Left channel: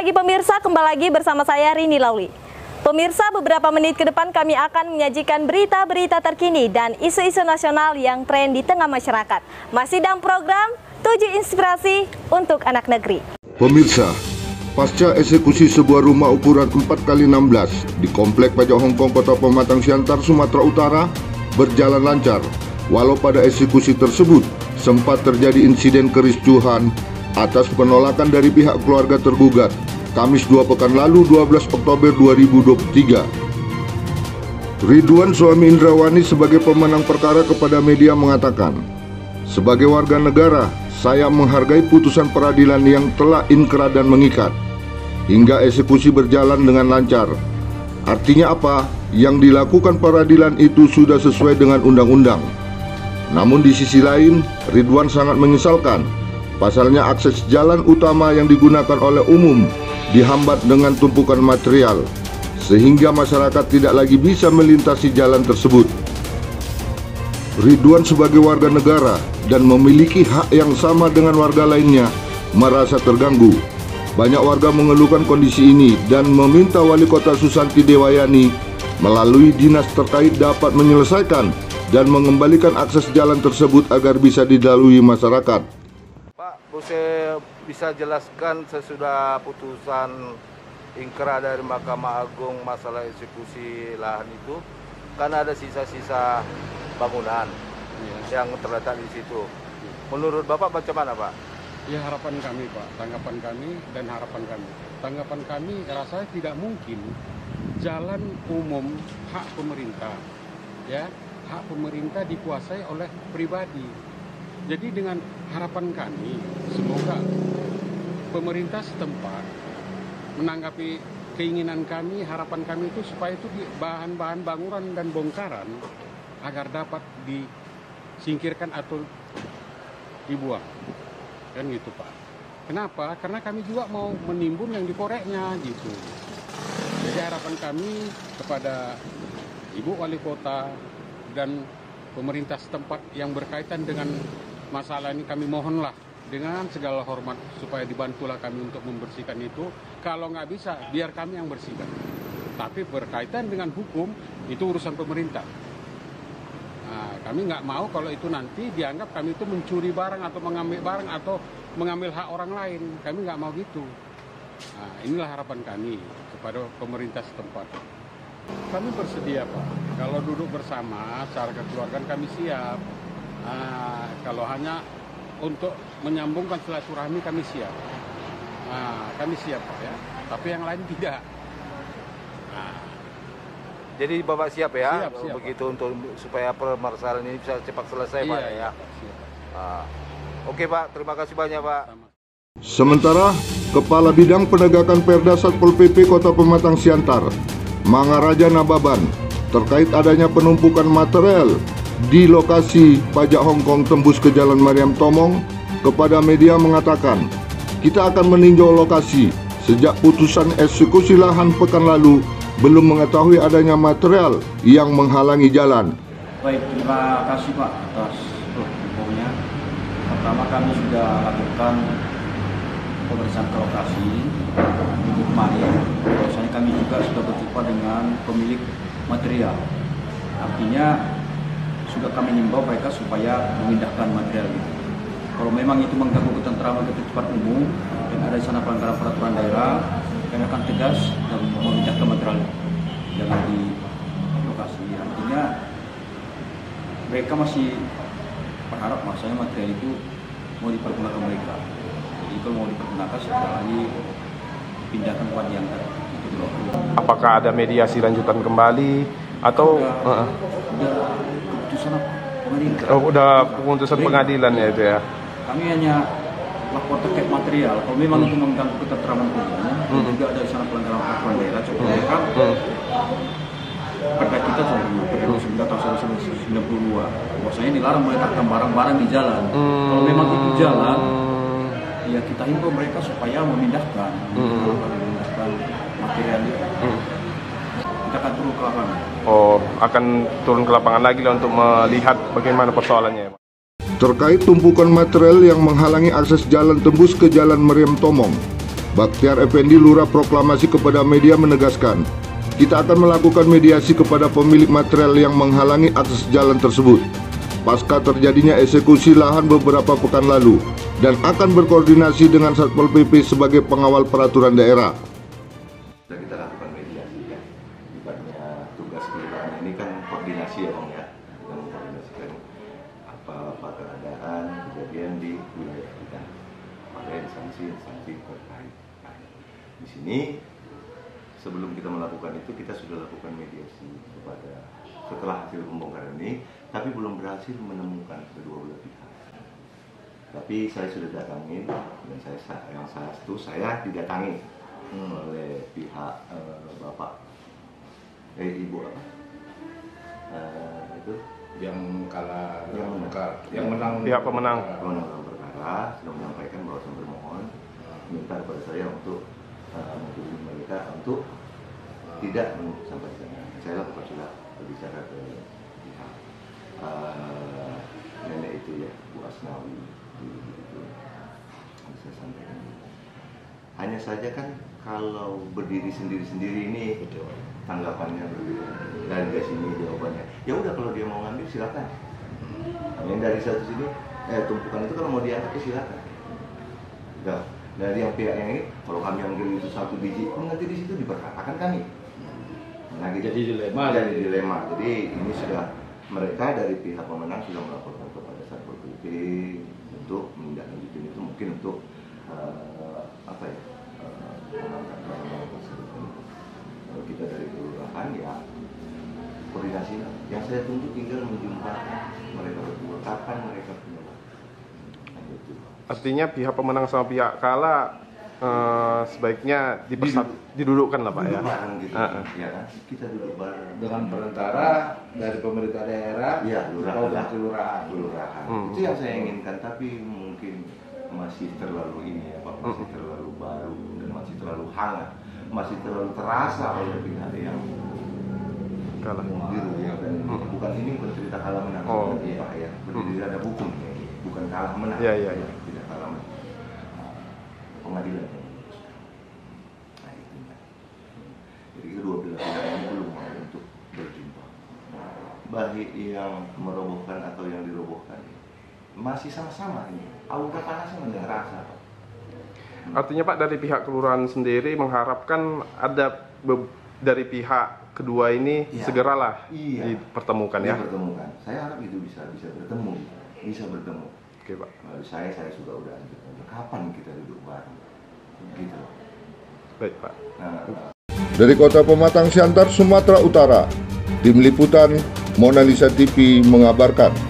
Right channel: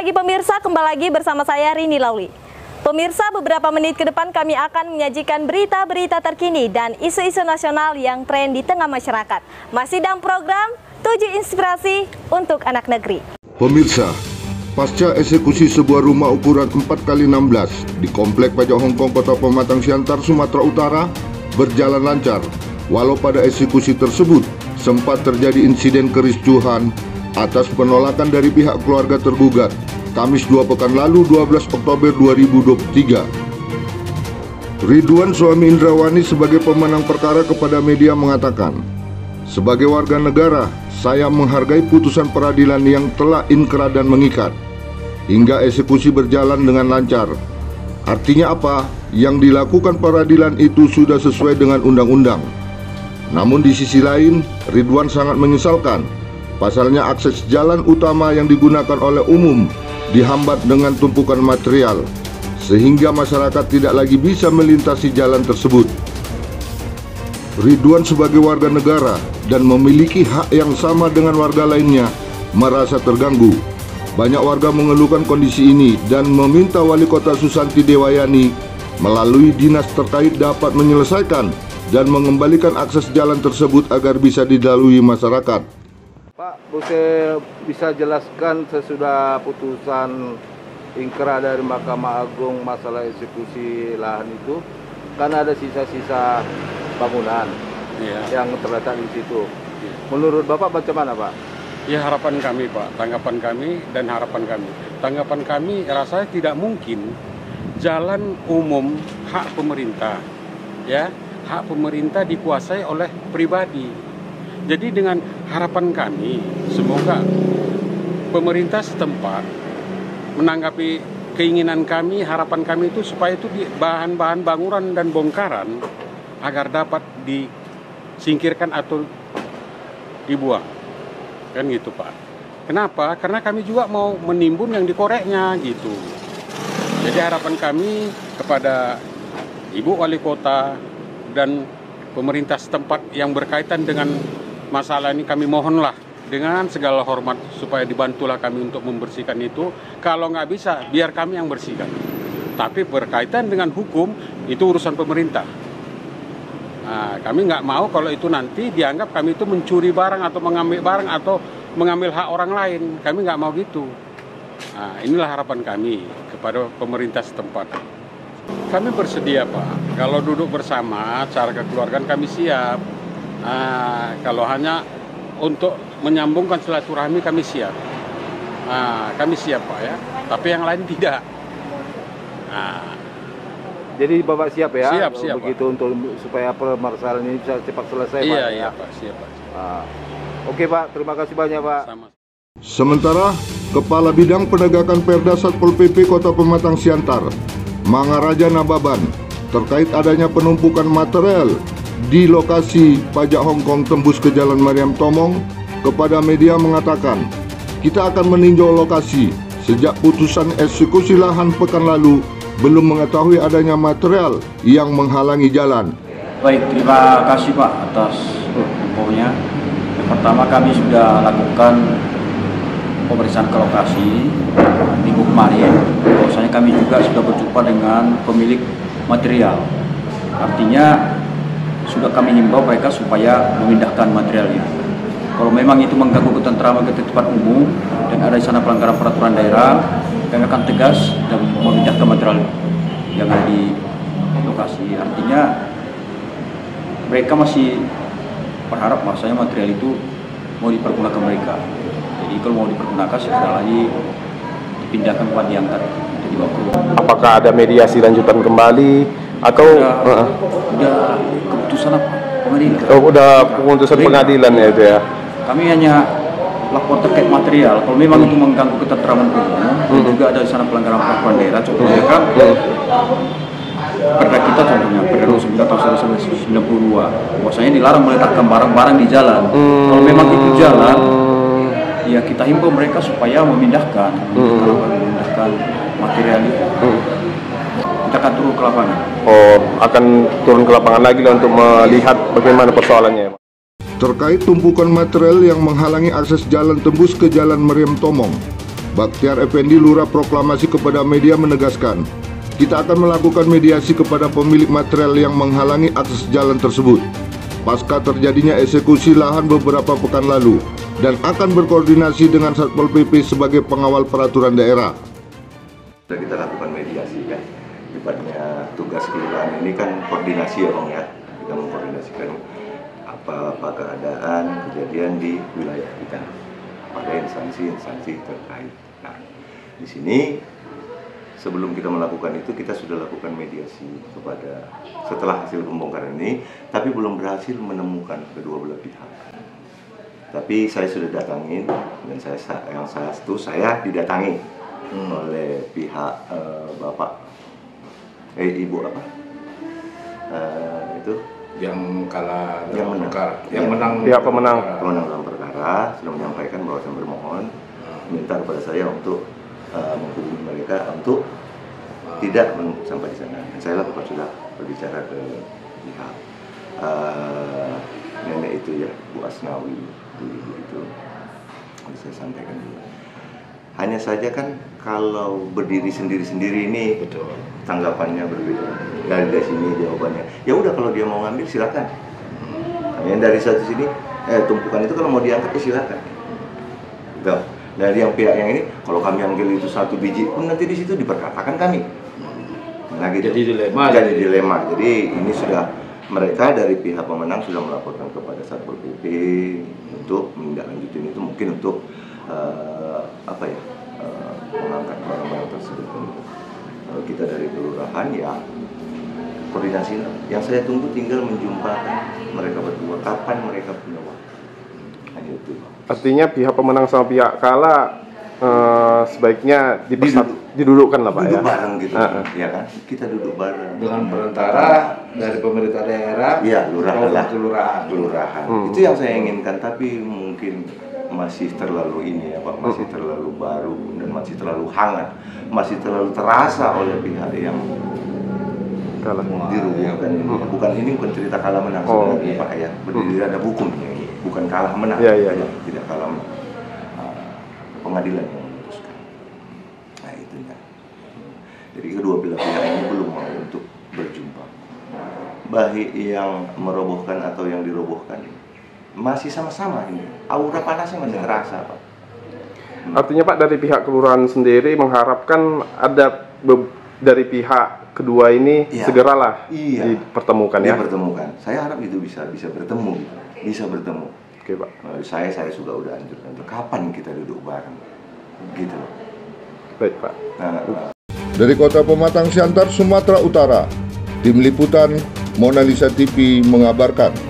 pagi pemirsa, kembali lagi bersama saya Rini Lauli. Pemirsa, beberapa menit ke depan kami akan menyajikan berita-berita terkini dan isu-isu nasional yang tren di tengah masyarakat. Masih dalam program 7 Inspirasi untuk Anak Negeri. Pemirsa, pasca eksekusi sebuah rumah ukuran 4x16 di Komplek Pajak Hongkong, Kota Pematang Siantar, Sumatera Utara berjalan lancar. Walau pada eksekusi tersebut sempat terjadi insiden kericuhan atas penolakan dari pihak keluarga tergugat, Kamis 2 pekan lalu 12 Oktober 2023. Ridwan, suami Indrawani, sebagai pemenang perkara kepada media mengatakan, "Sebagai warga negara, saya menghargai putusan peradilan yang telah inkrah dan mengikat, hingga eksekusi berjalan dengan lancar. Artinya apa? Yang dilakukan peradilan itu sudah sesuai dengan undang-undang." Namun di sisi lain, Ridwan sangat menyesalkan pasalnya akses jalan utama yang digunakan oleh umum dihambat dengan tumpukan material, sehingga masyarakat tidak lagi bisa melintasi jalan tersebut. Ridwan sebagai warga negara dan memiliki hak yang sama dengan warga lainnya merasa terganggu. Banyak warga mengeluhkan kondisi ini dan meminta Wali Kota Susanti Dewayani melalui dinas terkait dapat menyelesaikan dan mengembalikan akses jalan tersebut agar bisa dilalui masyarakat. Pak, saya bisa jelaskan sesudah putusan inkrah dari Mahkamah Agung masalah eksekusi lahan itu, kan ada sisa-sisa bangunan yang terletak di situ. Menurut Bapak bagaimana, Pak? Ya, harapan kami, Pak, tanggapan kami dan harapan kami. Tanggapan kami rasanya tidak mungkin jalan umum hak pemerintah, ya, hak pemerintah dikuasai oleh pribadi. Jadi dengan harapan kami, semoga pemerintah setempat menanggapi keinginan kami, harapan kami itu supaya itu bahan-bahan bangunan dan bongkaran agar dapat disingkirkan atau dibuang. Kan gitu, Pak. Kenapa? Karena kami juga mau menimbun yang dikoreknya gitu. Jadi harapan kami kepada Ibu Wali Kota dan pemerintah setempat yang berkaitan dengan masalah ini, kami mohonlah dengan segala hormat supaya dibantulah kami untuk membersihkan itu. Kalau nggak bisa, biar kami yang bersihkan. Tapi berkaitan dengan hukum, itu urusan pemerintah. Nah, kami nggak mau kalau itu nanti dianggap kami itu mencuri barang atau mengambil barang atau mengambil hak orang lain. Kami nggak mau gitu. Nah, inilah harapan kami kepada pemerintah setempat. Kami bersedia, Pak. Kalau duduk bersama, cara kekeluargaan kami siap. Kalau hanya untuk menyambungkan silaturahmi kami siap. Kami siap, Pak, ya. Tapi yang lain tidak. Jadi Bapak siap ya? Siap, begitu, Pak, untuk supaya permasalahan ini bisa cepat selesai, Pak. Iya, Pak, siap, Pak. Oke, Pak, terima kasih banyak, Pak. Sementara Kepala Bidang Penegakan Perda Satpol PP Kota Pematang Siantar, Mangaraja Nababan, terkait adanya penumpukan material di lokasi pajak Hongkong tembus ke Jalan Mariam Tomong, kepada media mengatakan, "Kita akan meninjau lokasi. Sejak putusan eksekusi lahan pekan lalu, belum mengetahui adanya material yang menghalangi jalan." Baik, terima kasih, Pak, atas infonya. Yang pertama, kami sudah lakukan pemeriksaan ke lokasi minggu kemarin. Bahwasanya kami juga sudah berjumpa dengan pemilik material. Artinya sudah kami himbau mereka supaya memindahkan materialnya. Kalau memang itu mengganggu ketentraman ketertiban umum dan ada di sana pelanggaran peraturan daerah, kami akan tegas dan memindahkan material yang ada di lokasi. Artinya mereka masih berharap bahwasanya material itu mau dipergunakan mereka. Jadi kalau mau dipergunakan segera lagi dipindahkan tempat diangkat untuk dibawa ke rumah. Apakah ada mediasi lanjutan kembali atau udah keputusan apa? Pengadilan. Udah keputusan pengadilan ya itu ya. Kami hanya lapor terkait material. Kalau memang itu mengganggu ketentraman umum, dan juga ada di sana pelanggaran peraturan daerah, contohnya kan Perda kita, contohnya Perda 29 tahun 1992, bahwasanya dilarang meletakkan barang-barang di jalan. Kalau memang itu jalan, ya kita himbau mereka supaya memindahkan material itu. Kita akan turun ke lapangan. Oh, akan turun ke lapangan lagi lah untuk melihat bagaimana persoalannya. Terkait tumpukan material yang menghalangi akses jalan tembus ke Jalan Mariam Tomong, Baktiar Effendi, Lurah Proklamasi, kepada media menegaskan, kita akan melakukan mediasi kepada pemilik material yang menghalangi akses jalan tersebut pasca terjadinya eksekusi lahan beberapa pekan lalu dan akan berkoordinasi dengan Satpol PP sebagai pengawal peraturan daerah. Kita lakukan mediasi kan, sifatnya tugas kelurahan ini kan koordinasi ya Bang ya, kita mengkoordinasikan apa keadaan kejadian di wilayah kita pada instansi-instansi terkait. Nah, di sini sebelum kita melakukan itu kita sudah lakukan mediasi kepada setelah hasil pembongkaran ini, tapi belum berhasil menemukan kedua belah pihak. Tapi saya sudah datangin dan saya didatangi oleh pihak bapak ibu apa itu yang kalah yang menang Pihak pemenang dalam perkara sudah menyampaikan bahwa saya bermohon minta kepada saya untuk menghubungi mereka untuk tidak menumpuk sampai di sana. Dan saya lakukan sudah berbicara ke pihak nenek itu ya, Bu Asnawi, ibu itu saya sampaikan juga. Hanya saja kan kalau berdiri sendiri-sendiri ini tanggapannya berbeda. Dari sini jawabannya, ya udah kalau dia mau ngambil silakan. Yang dari satu sini tumpukan itu kalau mau diangkat ya silakan. Gitu. Dari yang pihak yang ini, kalau kami ambil itu 1 biji pun nanti di situ diperkatakan kami. Nah gitu. Jadi dilema. Jadi ini sudah mereka dari pihak pemenang sudah melaporkan kepada Satpol PP untuk menindaklanjuti itu, mungkin untuk mengangkat barang-barang tersebut. Kalau kita dari kelurahan ya koordinasi. Yang saya tunggu tinggal menjumpakan mereka berdua kapan mereka punya waktu. Hanya itu. Artinya pihak pemenang sama pihak kalah sebaiknya didudukkan lah Pak. Duduk ya. Bareng gitu, ya kan? Kita duduk bareng. Dengan perantara dari pemerintah daerah, ya kelurahan. Itu yang saya inginkan, tapi mungkin masih terlalu ini ya Pak, masih terlalu baru dan masih terlalu hangat, masih terlalu terasa oleh pihak yang Kalah. dirugikan ini. Bukan cerita kalah menang sebenarnya Pak ya, berdiri ada hukumnya ini, bukan kalah menang, tidak kalah menang. Pengadilan yang memutuskan. Nah itu ya. Jadi kedua belah pihak ini belum mau untuk berjumpa. Baik yang merobohkan atau yang dirobohkan masih sama-sama ini. Aura panasnya masih terasa Pak. Artinya Pak, dari pihak kelurahan sendiri mengharapkan ada dari pihak kedua ini segeralah dipertemukan ya. Dipertemukan. Saya harap itu bisa bertemu, bisa bertemu. Oke Pak. Saya juga udah anjurkan kapan kita duduk bareng, gitu. Baik Pak. Dari Kota Pematang Siantar, Sumatera Utara, Tim Liputan Mona Lisa TV mengabarkan.